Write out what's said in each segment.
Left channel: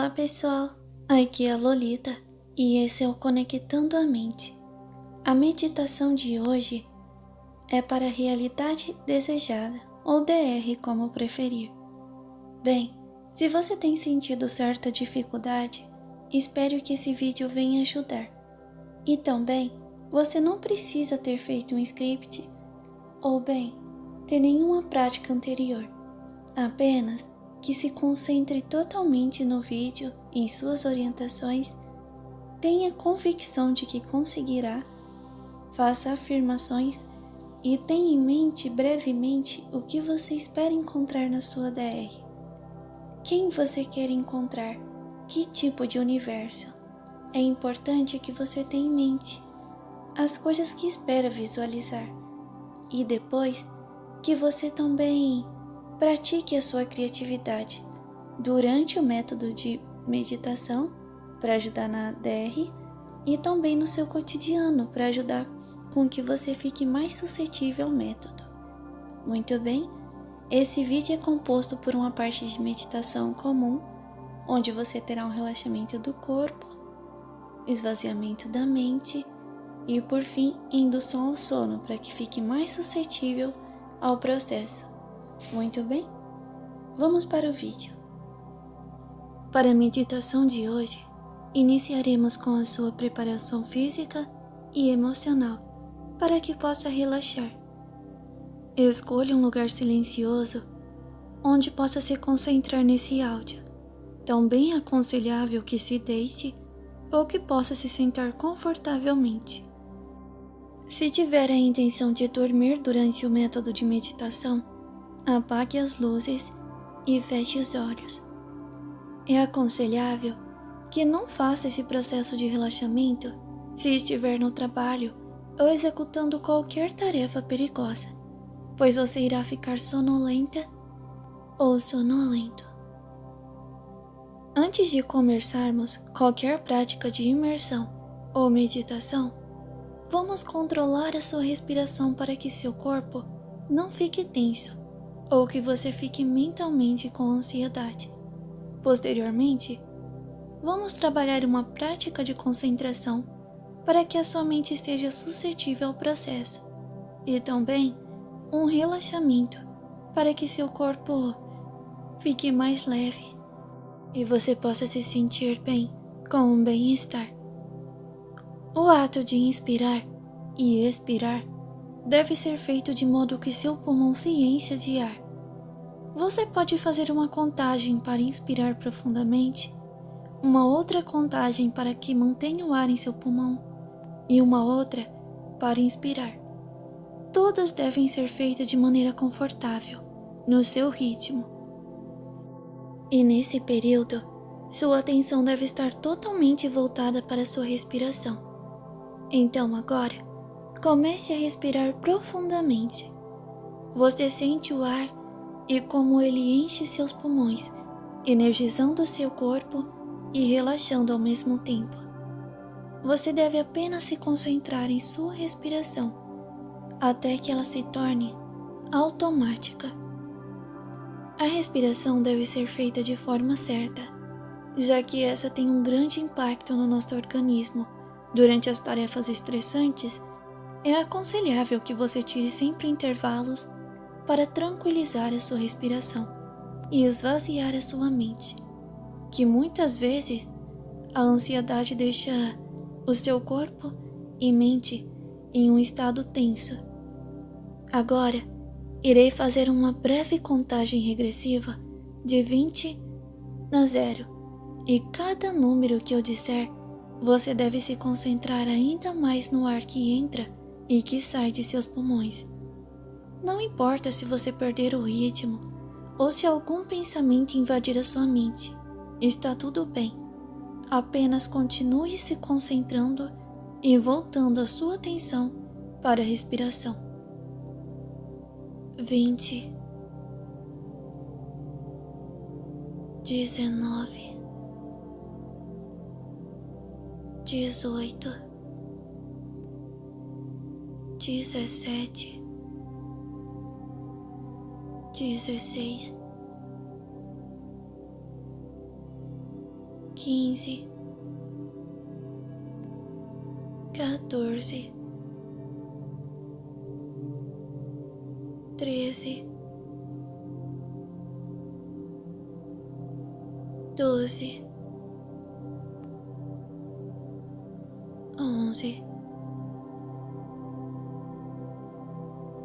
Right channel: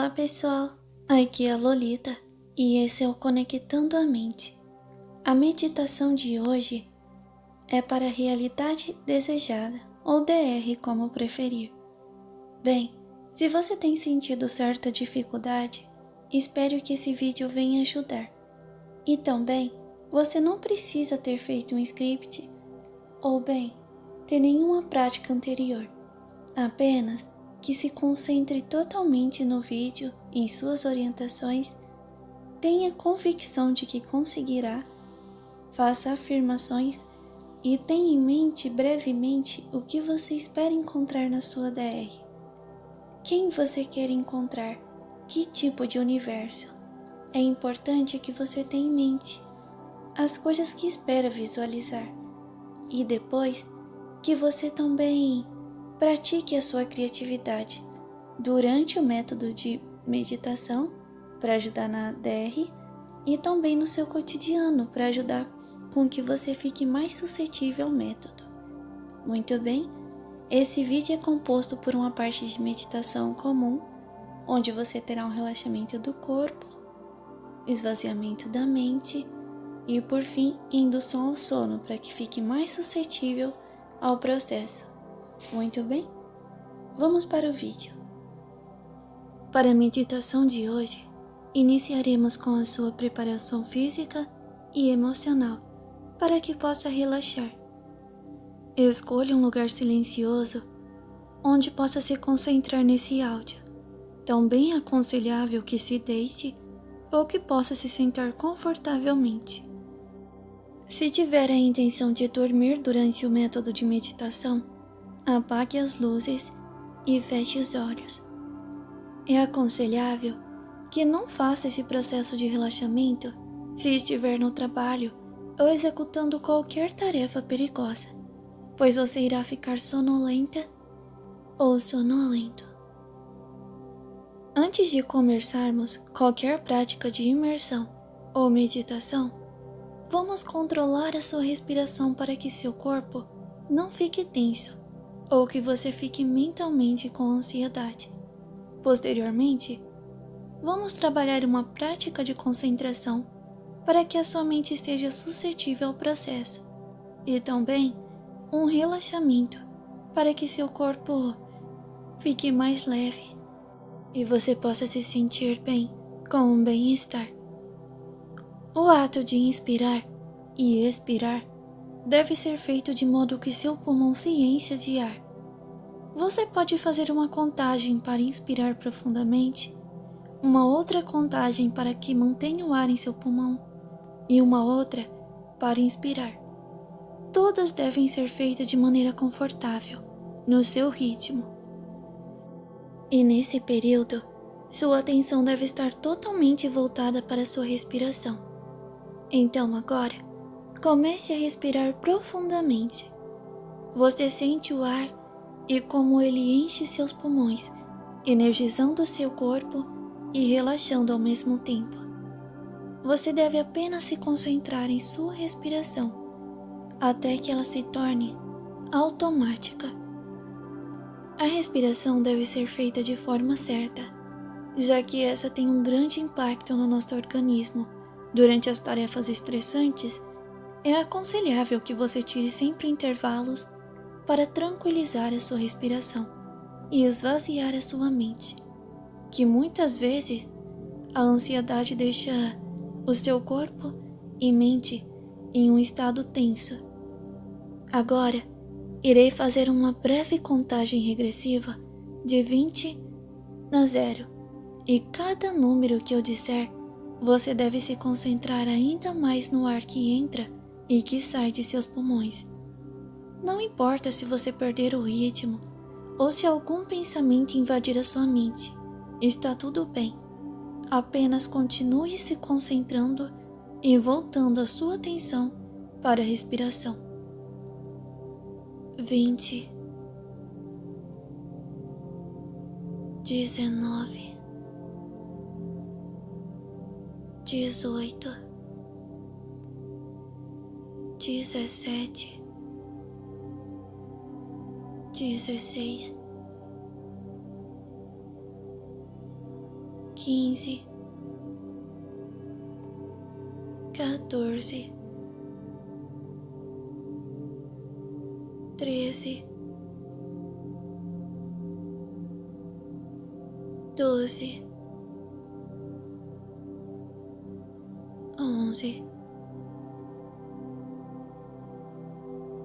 Olá pessoal, aqui é a Lolita e esse é o Conectando a Mente. A meditação de hoje é para a realidade desejada, ou DR como preferir. Bem, se você tem sentido certa dificuldade, espero que esse vídeo venha ajudar. E também, você não precisa ter feito um script ou ter nenhuma prática anterior, apenas que se concentre totalmente no vídeo e em suas orientações, tenha convicção de que conseguirá, faça afirmações e tenha em mente brevemente o que você espera encontrar na sua DR. Quem você quer encontrar? Que tipo de universo? É importante que você tenha em mente as coisas que espera visualizar e depois que você também pratique a sua criatividade durante o método de meditação para ajudar na DR e também no seu cotidiano para ajudar com que você fique mais suscetível ao método. Muito bem, esse vídeo é composto por uma parte de meditação comum, onde você terá um relaxamento do corpo, esvaziamento da mente e, por fim, indução ao sono para que fique mais suscetível ao processo. Muito bem, vamos para o vídeo. Para a meditação de hoje, iniciaremos com a sua preparação física e emocional para que possa relaxar. Escolha um lugar silencioso onde possa se concentrar nesse áudio. Também é aconselhável que se deite ou que possa se sentar confortavelmente. Se tiver a intenção de dormir durante o método de meditação, apague as luzes e feche os olhos. É aconselhável que não faça esse processo de relaxamento se estiver no trabalho ou executando qualquer tarefa perigosa, pois você irá ficar sonolenta ou sonolento. Antes de começarmos qualquer prática de imersão ou meditação, vamos controlar a sua respiração para que seu corpo não fique tenso ou que você fique mentalmente com ansiedade. Posteriormente, vamos trabalhar uma prática de concentração para que a sua mente esteja suscetível ao processo e também um relaxamento para que seu corpo fique mais leve e você possa se sentir bem com um bem-estar. O ato de inspirar e expirar deve ser feito de modo que seu pulmão se encha de ar. Você pode fazer uma contagem para inspirar profundamente, uma outra contagem para que mantenha o ar em seu pulmão e uma outra para inspirar. Todas devem ser feitas de maneira confortável, no seu ritmo. E nesse período, sua atenção deve estar totalmente voltada para a sua respiração. Então agora, comece a respirar profundamente. Você sente o ar e como ele enche seus pulmões, energizando seu corpo e relaxando ao mesmo tempo. Você deve apenas se concentrar em sua respiração, até que ela se torne automática. A respiração deve ser feita de forma certa, já que essa tem um grande impacto no nosso organismo. Durante as tarefas estressantes, é aconselhável que você tire sempre intervalos para tranquilizar a sua respiração e esvaziar a sua mente, que muitas vezes a ansiedade deixa o seu corpo e mente em um estado tenso. Agora, irei fazer uma breve contagem regressiva de 20 a 0 e cada número que eu disser, você deve se concentrar ainda mais no ar que entra e que sai de seus pulmões. Não importa se você perder o ritmo ou se algum pensamento invadir a sua mente, está tudo bem. Apenas continue se concentrando e voltando a sua atenção para a respiração. 20, 19, 18, 17, 16, 15, 14, 13, 12, 11,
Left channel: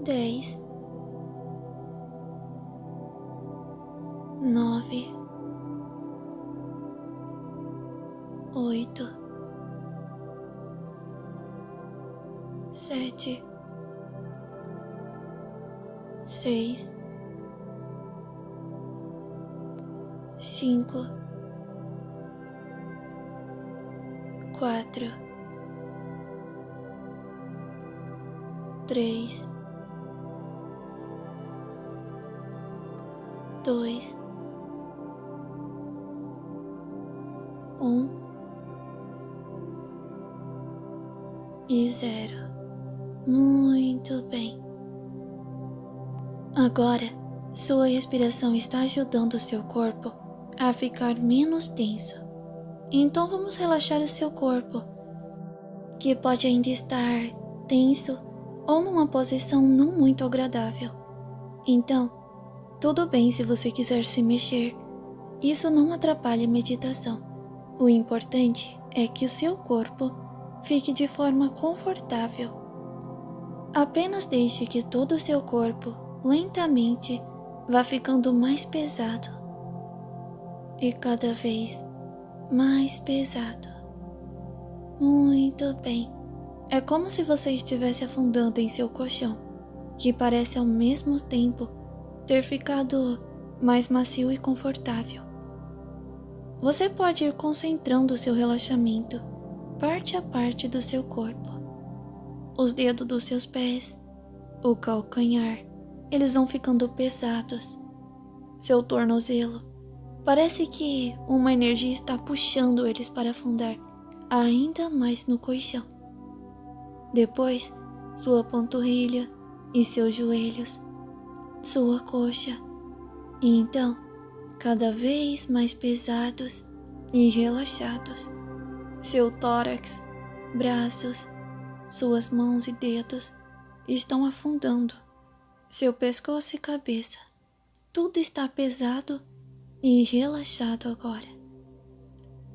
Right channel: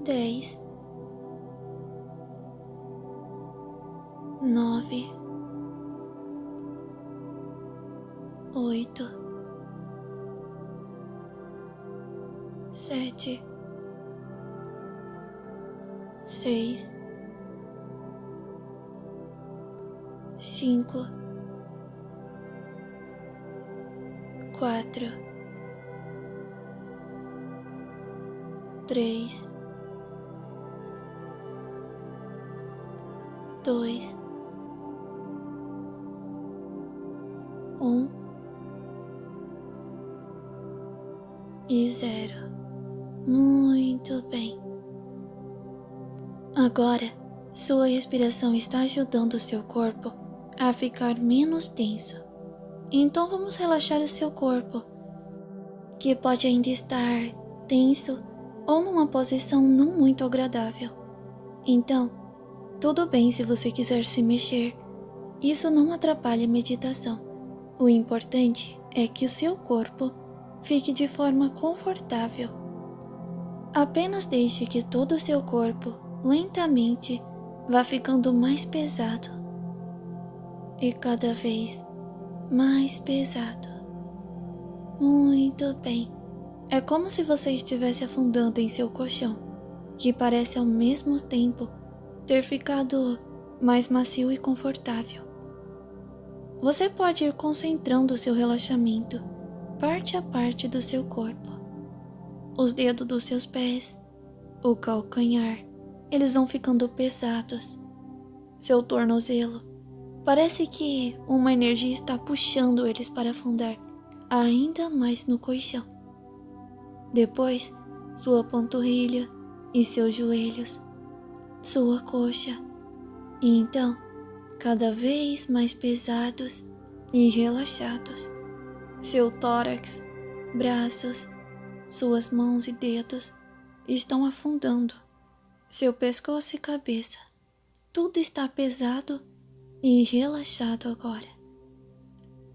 10, 9, 8, 7, 6, 5, 4, 3, 2, 1 e 0. Muito bem. Agora, sua respiração está ajudando o seu corpo a ficar menos tenso. Então vamos relaxar o seu corpo, que pode ainda estar tenso ou numa posição não muito agradável. Então, tudo bem se você quiser se mexer. Isso não atrapalha a meditação. O importante é que o seu corpo fique de forma confortável. Apenas deixe que todo o seu corpo lentamente vá ficando mais pesado e cada vez mais pesado. Muito bem. É como se você estivesse afundando em seu colchão, que parece ao mesmo tempo ter ficado mais macio e confortável. Você pode ir concentrando o seu relaxamento parte a parte do seu corpo. Os dedos dos seus pés, o calcanhar, eles vão ficando pesados. Seu tornozelo, parece que uma energia está puxando eles para afundar ainda mais no colchão. Depois, sua panturrilha e seus joelhos, sua coxa, e então, cada vez mais pesados e relaxados. Seu tórax, braços, suas mãos e dedos estão afundando. Seu pescoço e cabeça, tudo está pesado e relaxado agora.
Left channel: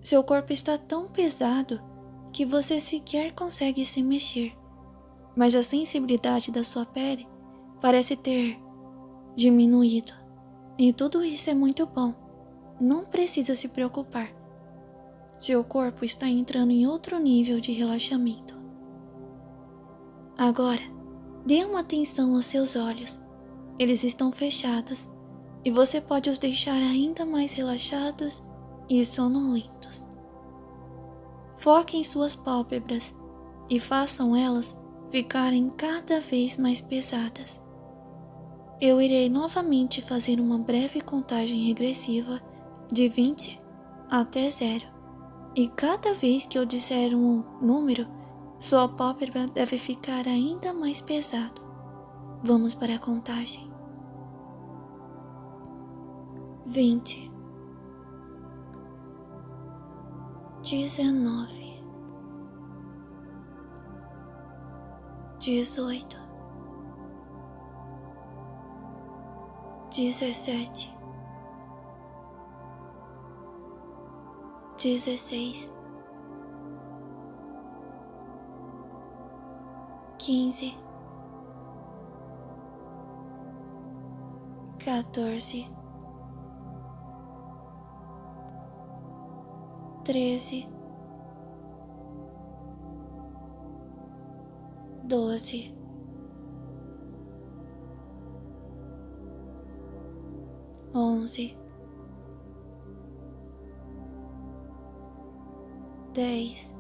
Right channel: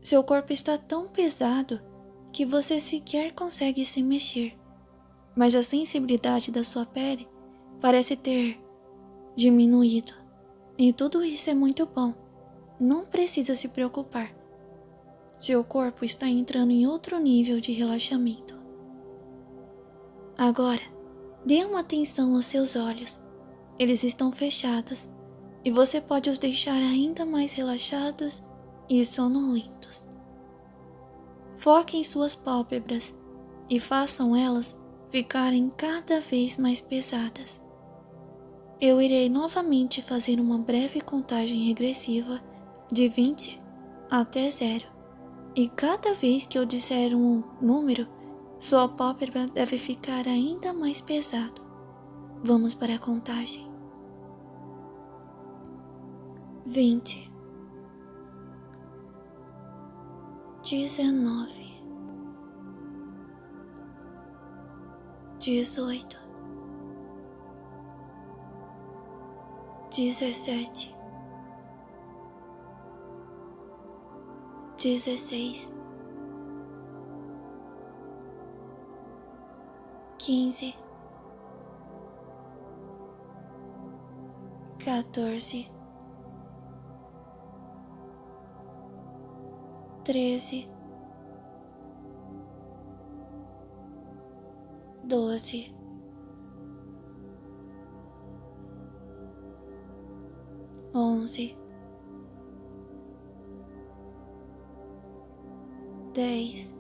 Seu corpo está tão pesado que você sequer consegue se mexer, mas a sensibilidade da sua pele parece ter diminuído. E tudo isso é muito bom. Não precisa se preocupar. Seu corpo está entrando em outro nível de relaxamento. Agora, dê uma atenção aos seus olhos. Eles estão fechados e você pode os deixar ainda mais relaxados e sonolentos. Foque em suas pálpebras e façam elas ficarem cada vez mais pesadas. Eu irei novamente fazer uma breve contagem regressiva de 20 até 0. E cada vez que eu disser um número, sua pálpebra deve ficar ainda mais pesado. Vamos para a contagem. 20, 19, 18, 17, 16, 15, 14, 13, 12, 11, 10,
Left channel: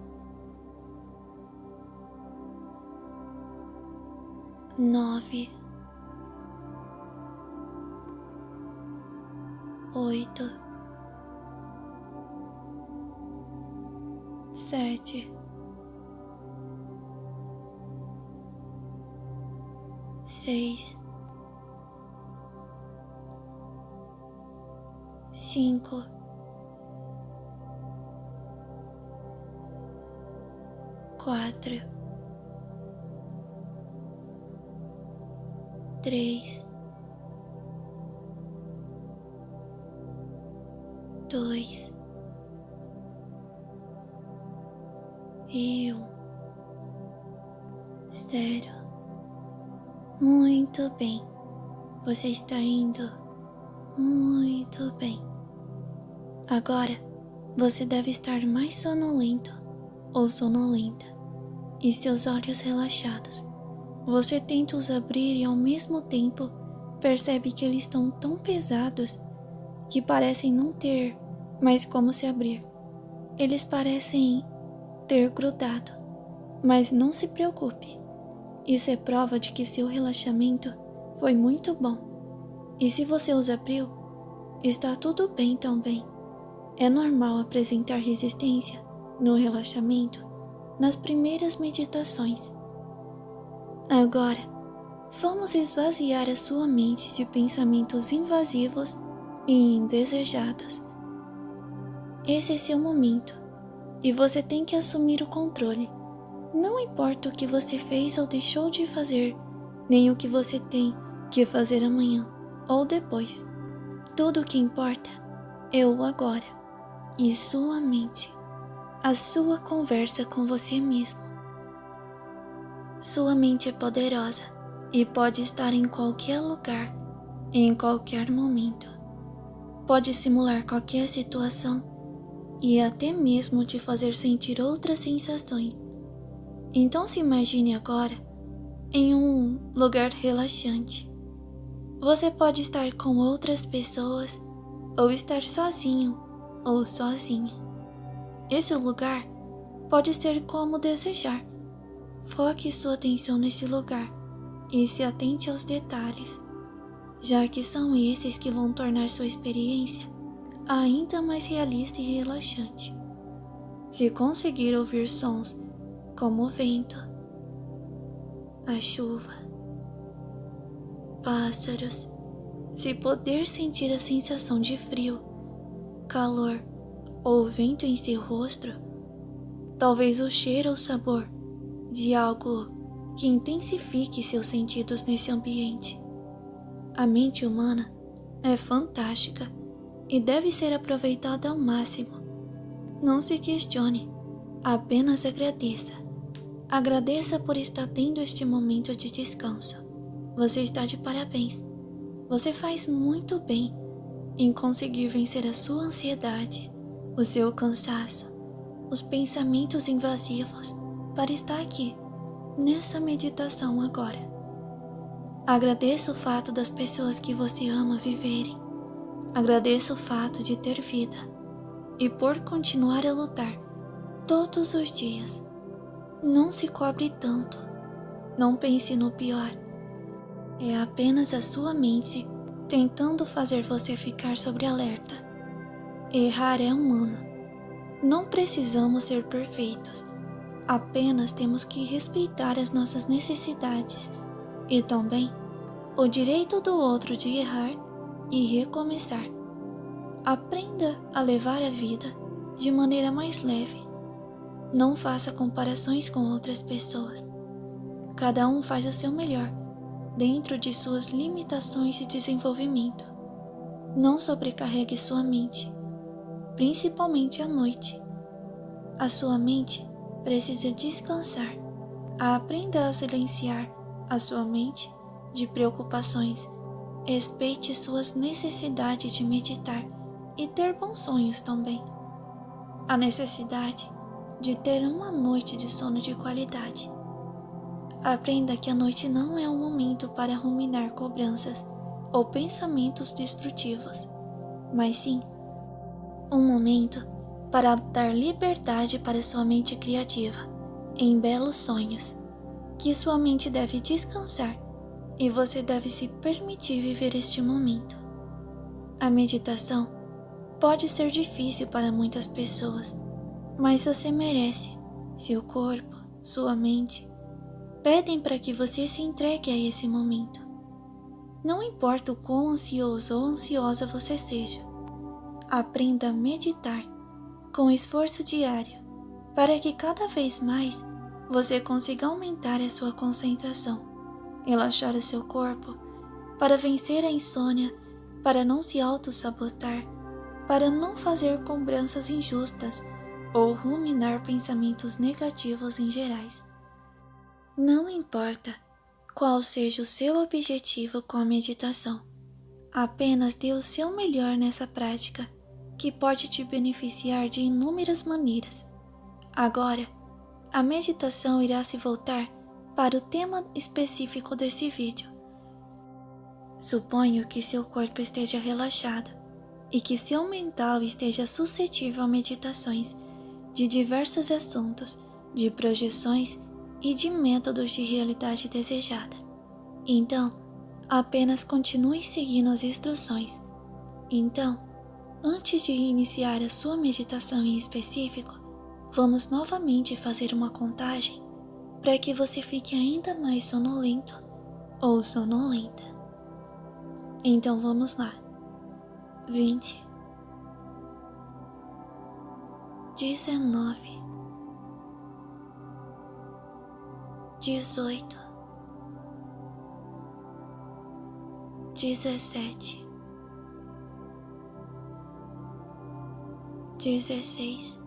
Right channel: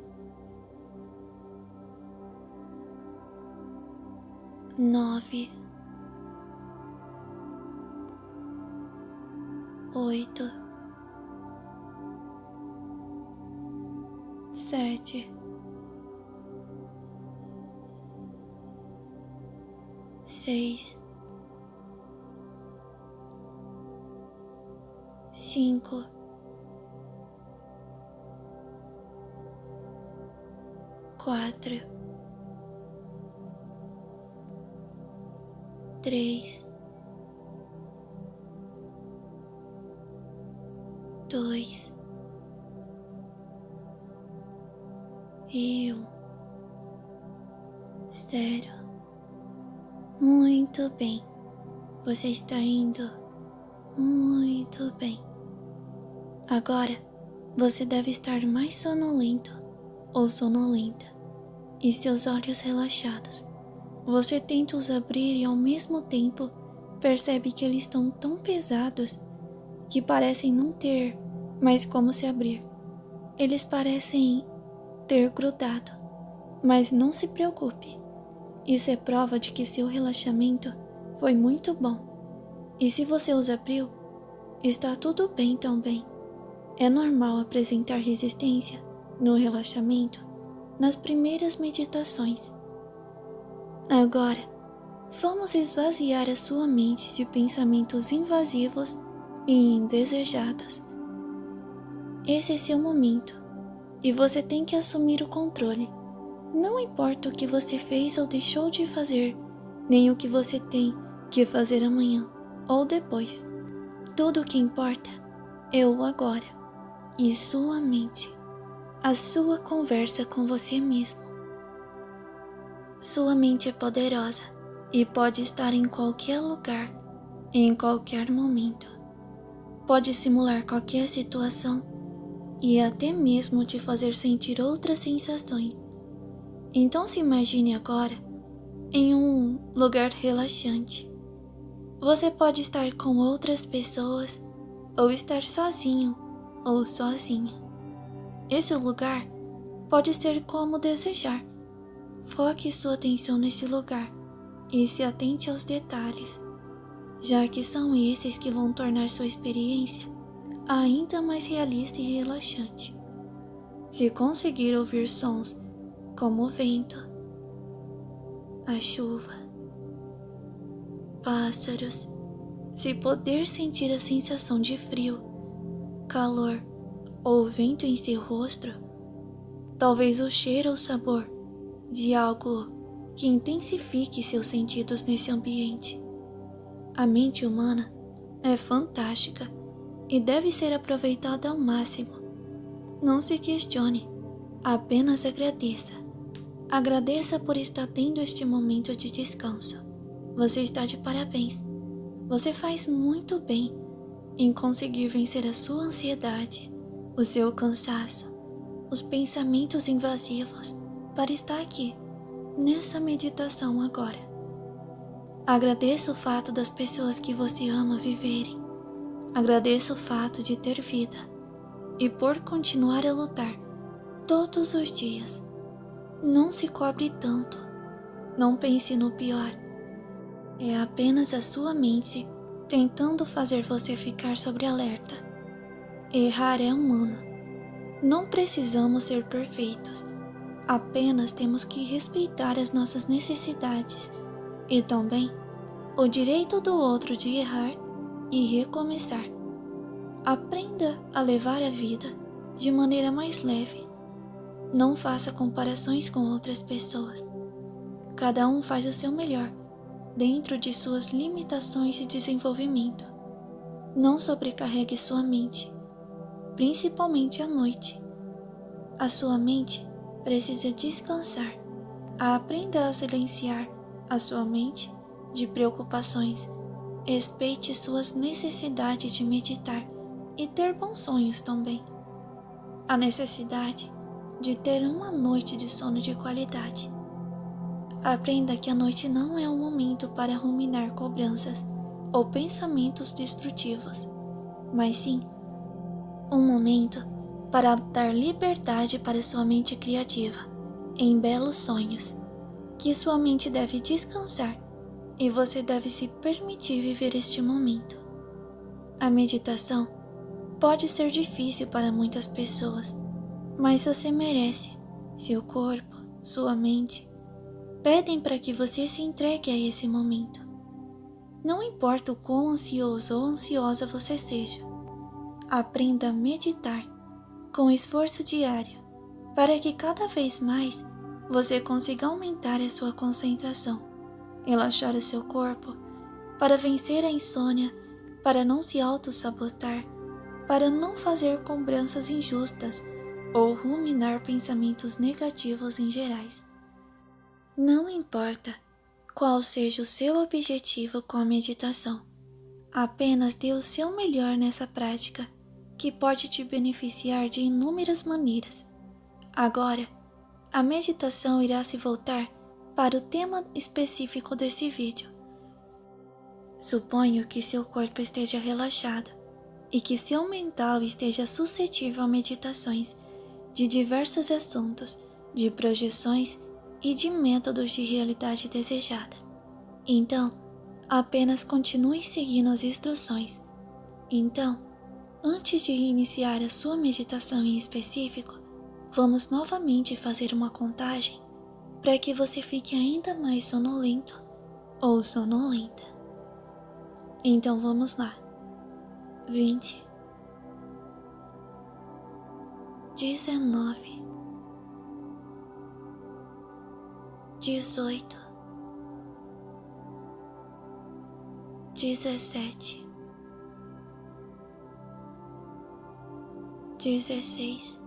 9, 8, 7, 6, 5, 4, 3, 2 e 1. 0. Muito bem. Você está indo muito bem. Agora, você deve estar mais sonolento ou sonolenta e seus olhos relaxados. Você tenta os abrir e ao mesmo tempo percebe que eles estão tão pesados que parecem não ter mais como se abrir. Eles parecem ter grudado, mas não se preocupe. Isso é prova de que seu relaxamento foi muito bom. E se você os abriu, está tudo bem também. É normal apresentar resistência no relaxamento nas primeiras meditações. Agora, vamos esvaziar a sua mente de pensamentos invasivos e indesejados. Esse é seu momento e você tem que assumir o controle. Não importa o que você fez ou deixou de fazer, nem o que você tem que fazer amanhã ou depois. Tudo o que importa é o agora e sua mente, a sua conversa com você mesmo. Sua mente é poderosa e pode estar em qualquer lugar, em qualquer momento. Pode simular qualquer situação e até mesmo te fazer sentir outras sensações. Então se imagine agora em um lugar relaxante. Você pode estar com outras pessoas ou estar sozinho ou sozinha. Esse lugar pode ser como desejar. Foque sua atenção nesse lugar e se atente aos detalhes, já que são esses que vão tornar sua experiência ainda mais realista e relaxante. Se conseguir ouvir sons como o vento, a chuva, pássaros, se poder sentir a sensação de frio, calor ou vento em seu rosto, talvez o cheiro ou sabor de algo que intensifique seus sentidos nesse ambiente. A mente humana é fantástica e deve ser aproveitada ao máximo. Não se questione, apenas agradeça. Agradeça por estar tendo este momento de descanso. Você está de parabéns. Você faz muito bem em conseguir vencer a sua ansiedade, o seu cansaço, os pensamentos invasivos para estar aqui, nessa meditação agora. Agradeça o fato das pessoas que você ama viverem. Agradeça o fato de ter vida e por continuar a lutar todos os dias. Não se cobre tanto. Não pense no pior. É apenas a sua mente tentando fazer você ficar sobre alerta. Errar é humano. Não precisamos ser perfeitos. Apenas temos que respeitar as nossas necessidades e também o direito do outro de errar e recomeçar. Aprenda a levar a vida de maneira mais leve. Não faça comparações com outras pessoas. Cada um faz o seu melhor dentro de suas limitações de desenvolvimento. Não sobrecarregue sua mente, principalmente à noite. A sua mente precisa descansar. Aprenda a silenciar a sua mente de preocupações. Respeite suas necessidades de meditar e ter bons sonhos também. A necessidade de ter uma noite de sono de qualidade. Aprenda que a noite não é um momento para ruminar cobranças ou pensamentos destrutivos, mas sim um momento para dar liberdade para sua mente criativa em belos sonhos, que sua mente deve descansar e você deve se permitir viver este momento. A meditação pode ser difícil para muitas pessoas, mas você merece. Seu corpo, sua mente pedem para que você se entregue a esse momento. Não importa o quão ansioso ou ansiosa você seja, aprenda a meditar com esforço diário para que cada vez mais você consiga aumentar a sua concentração, relaxar o seu corpo, para vencer a insônia, para não se auto-sabotar, para não fazer cobranças injustas ou ruminar pensamentos negativos em gerais. Não importa qual seja o seu objetivo com a meditação, apenas dê o seu melhor nessa prática, que pode te beneficiar de inúmeras maneiras. Agora, a meditação irá se voltar para o tema específico desse vídeo. Suponho que seu corpo esteja relaxado e que seu mental esteja suscetível a meditações de diversos assuntos, de projeções e de métodos de realidade desejada. Então, apenas continue seguindo as instruções. Então, antes de iniciar a sua meditação em específico, vamos novamente fazer uma contagem para que você fique ainda mais sonolento ou sonolenta. Então vamos lá. 20, 19, 18, 17, 16,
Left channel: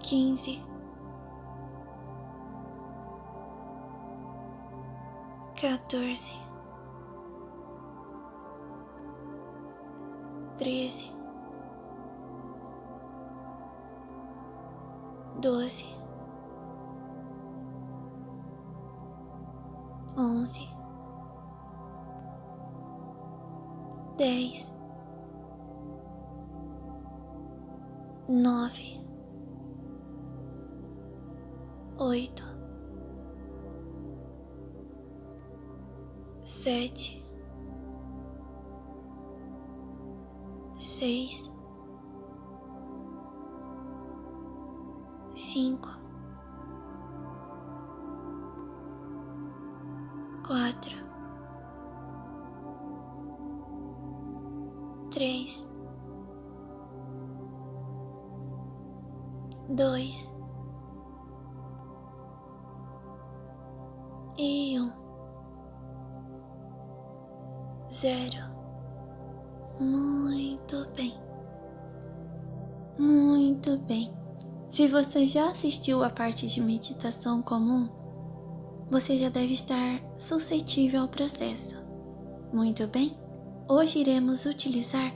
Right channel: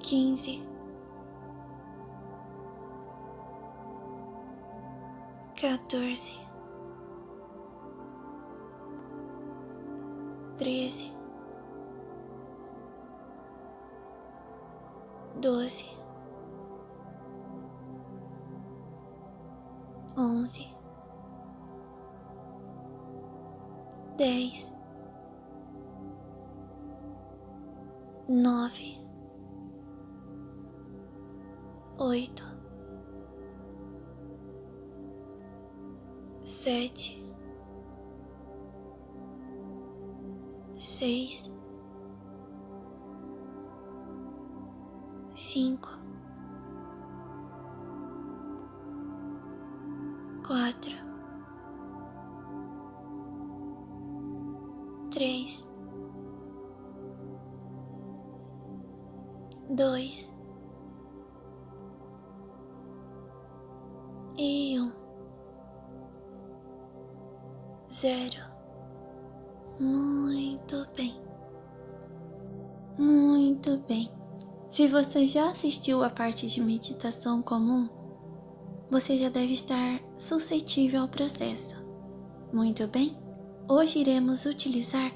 15, 14, 13, 12, 11, 10, 9, 8, 7, 6, 5, 4, 3, 2 e 1. 0. Muito bem. Muito bem. Se você já assistiu a parte de meditação comum, você já deve estar suscetível ao processo. Muito bem. Hoje iremos utilizar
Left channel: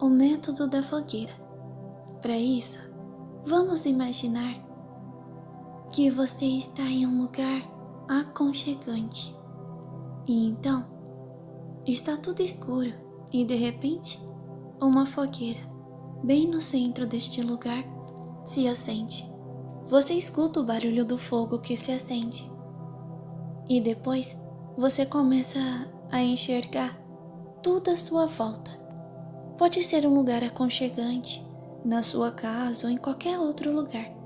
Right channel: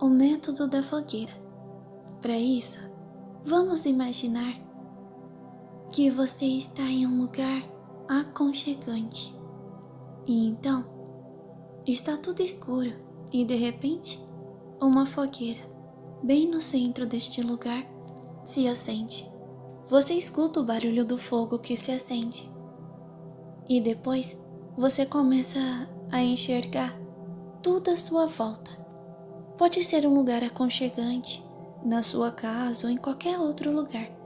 o método da fogueira. Para isso, vamos imaginar que você está em um lugar aconchegante. E então, está tudo escuro e de repente, uma fogueira, bem no centro deste lugar, se acende. Você escuta o barulho do fogo que se acende. E depois, você começa a enxergar tudo à sua volta. Pode ser um lugar aconchegante, na sua casa ou em qualquer outro lugar.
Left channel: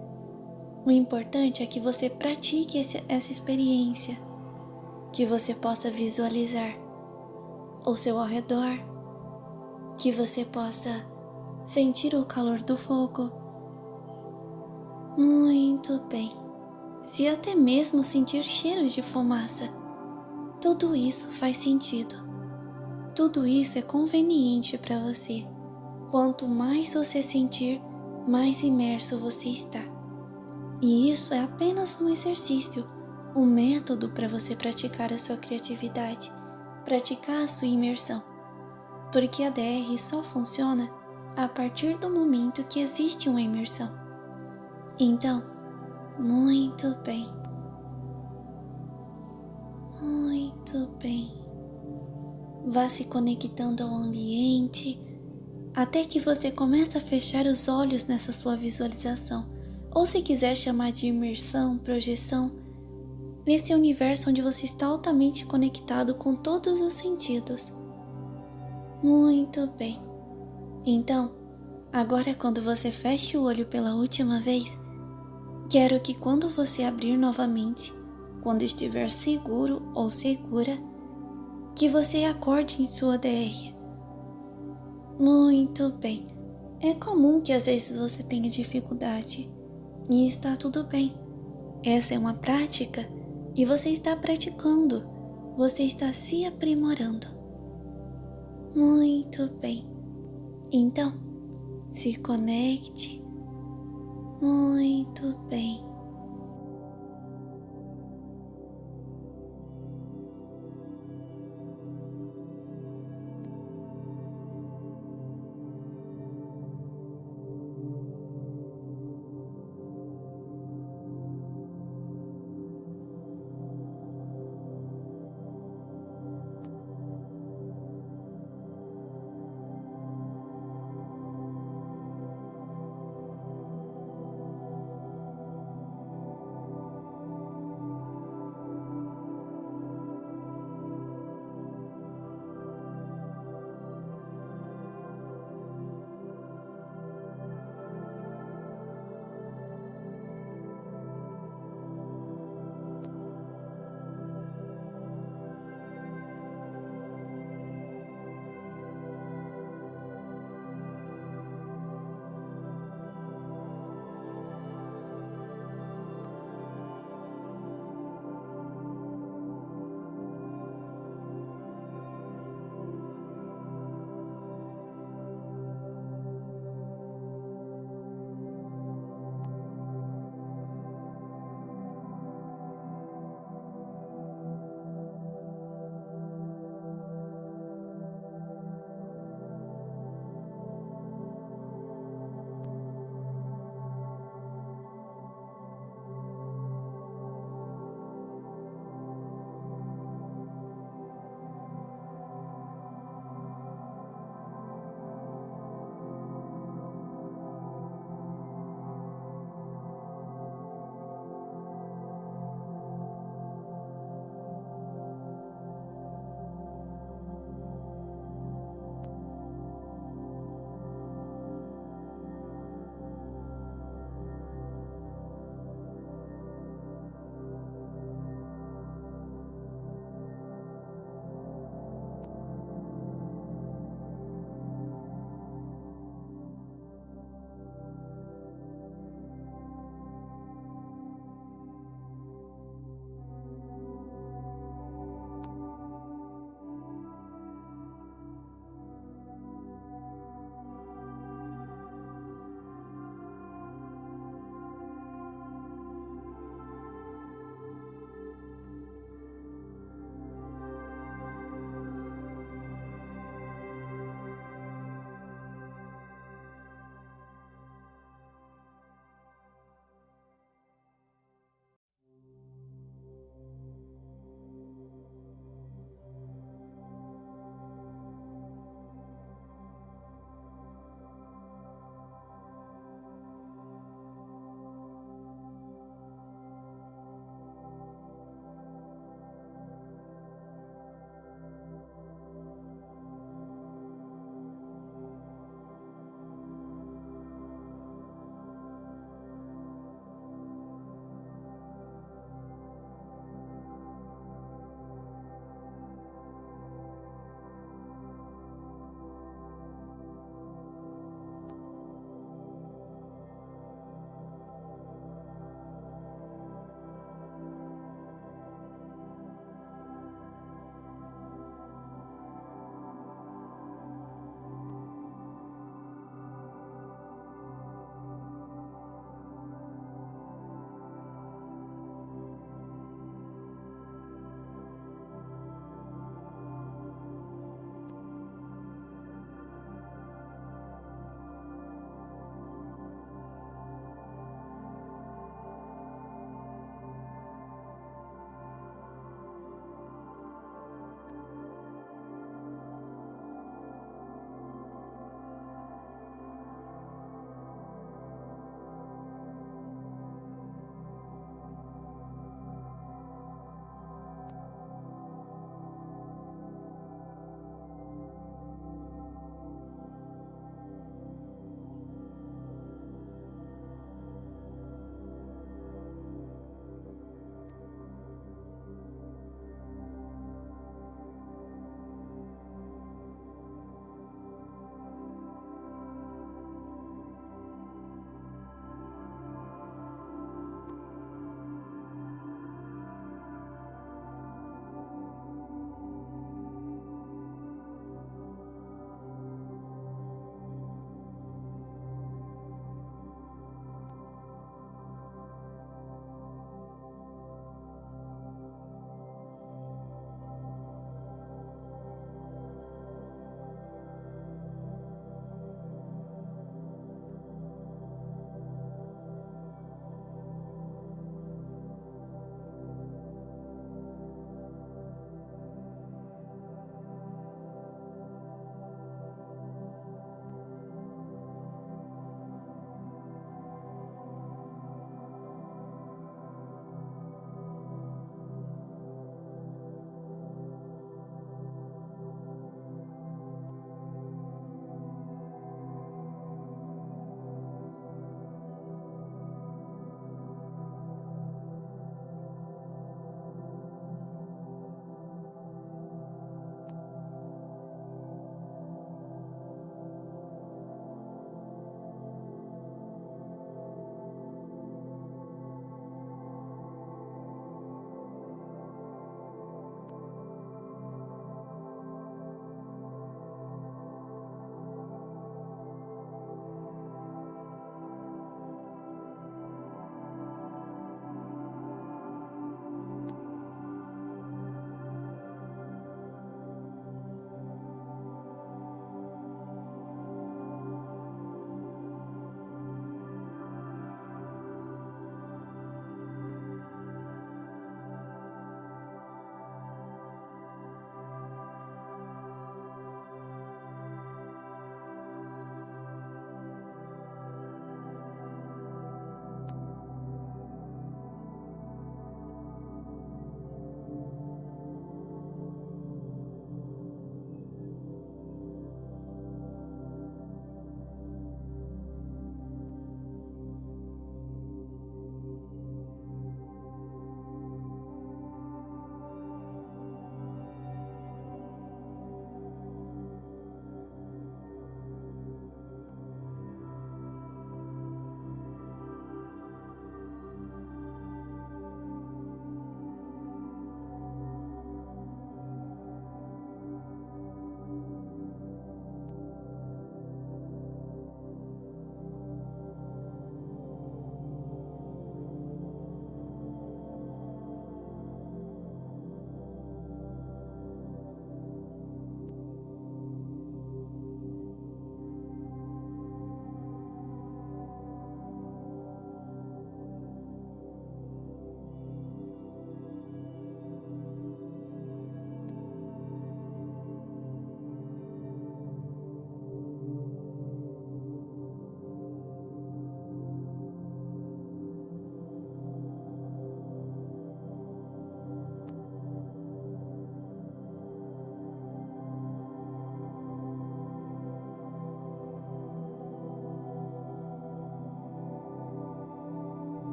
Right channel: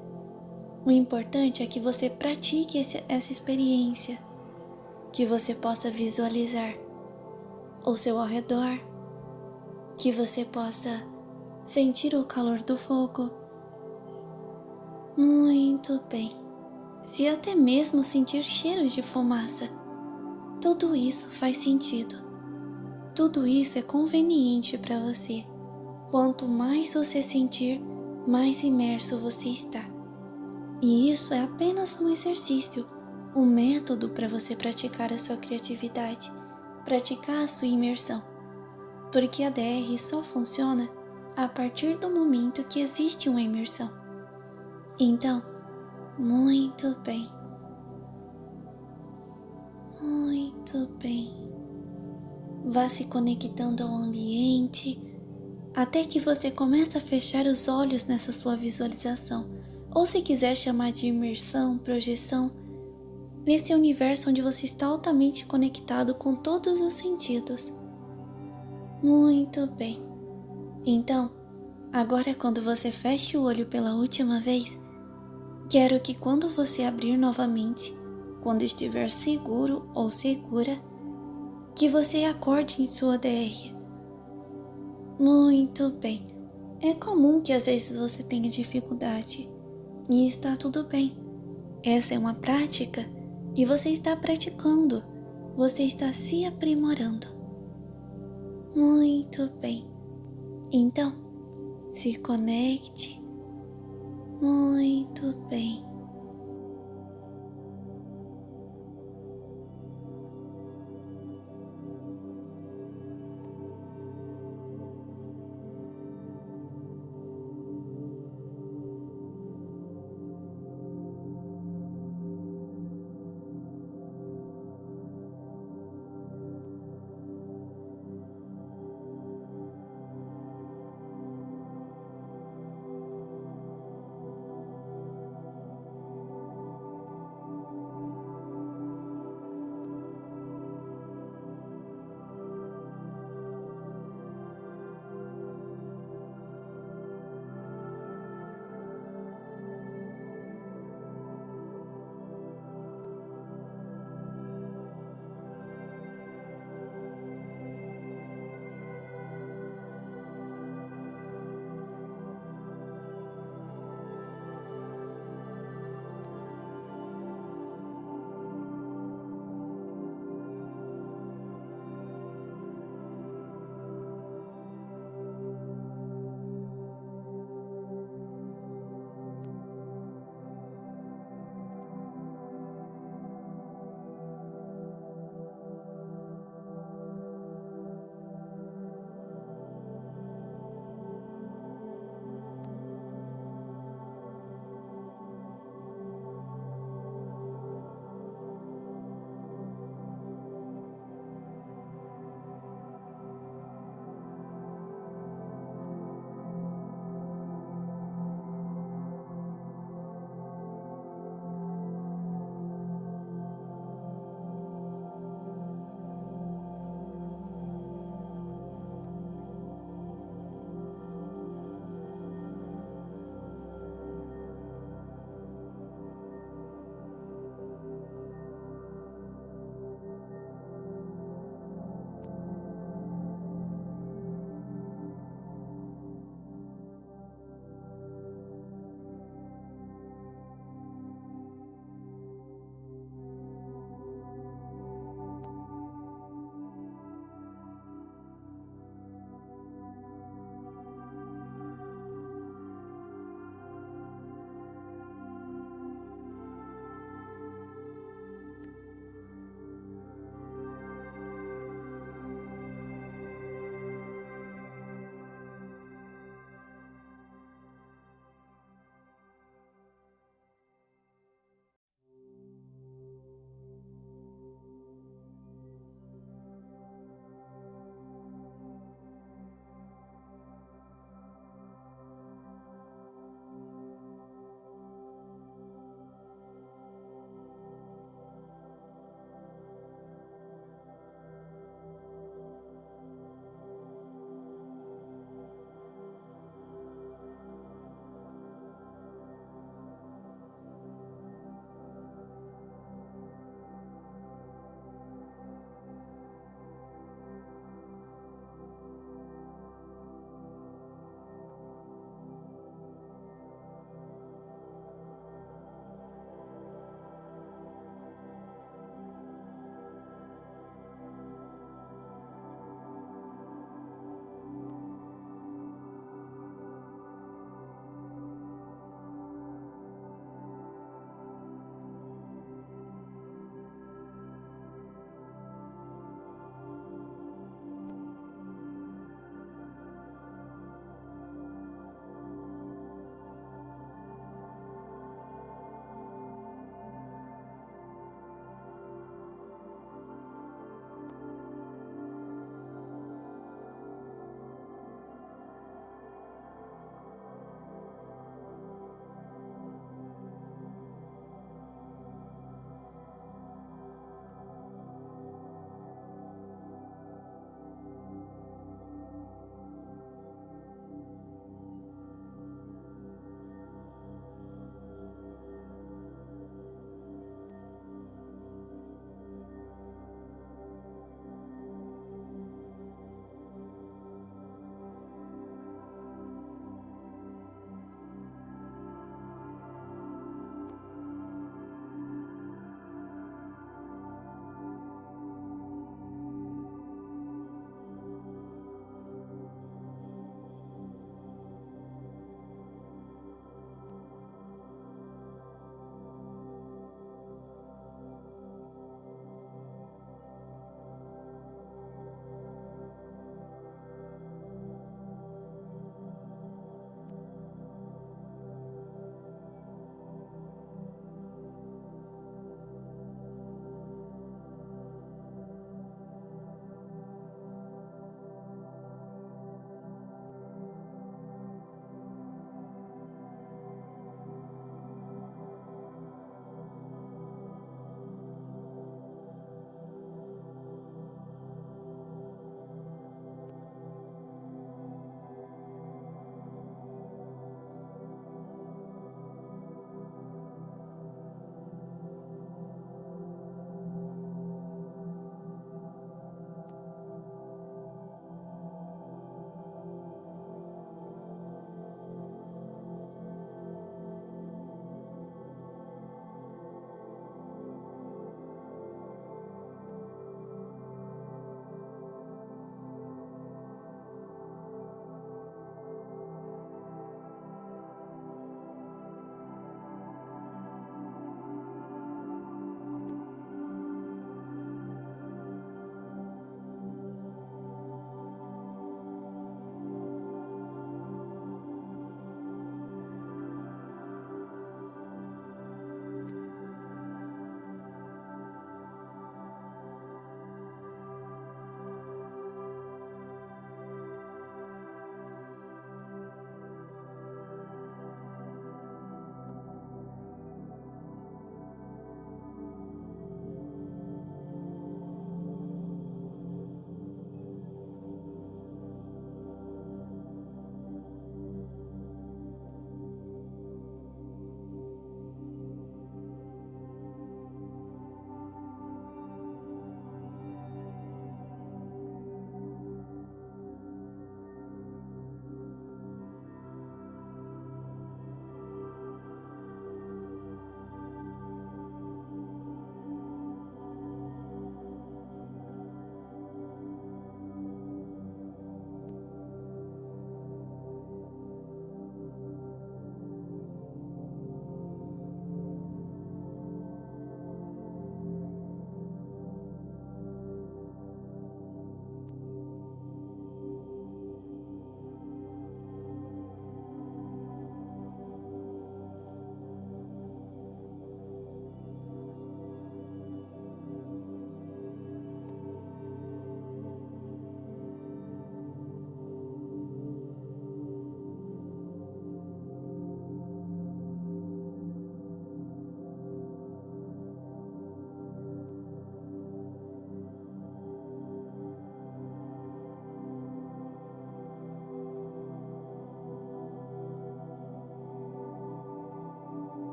O importante é que você pratique essa experiência, que você possa visualizar ao seu redor, que você possa sentir o calor do fogo. Muito bem. Se até mesmo sentir cheiros de fumaça, tudo isso faz sentido. Tudo isso é conveniente para você. Quanto mais você sentir, mais imerso você está. E isso é apenas um exercício, um método para você praticar a sua criatividade, praticar a sua imersão. Porque a DR só funciona a partir do momento que existe uma imersão. Então, muito bem. Muito bem. Vá se conectando ao ambiente, até que você comece a fechar os olhos nessa sua visualização, ou se quiser chamar de imersão, projeção, nesse universo onde você está altamente conectado com todos os sentidos. Muito bem. Então, agora quando você feche o olho pela última vez, quero que quando você abrir novamente, quando estiver seguro ou segura, que você acorde em sua DR. Muito bem. É comum que às vezes você tenha dificuldade, E está tudo bem. Essa é uma prática e você está praticando. Você está se aprimorando. Muito bem. Então, se conecte. Muito bem.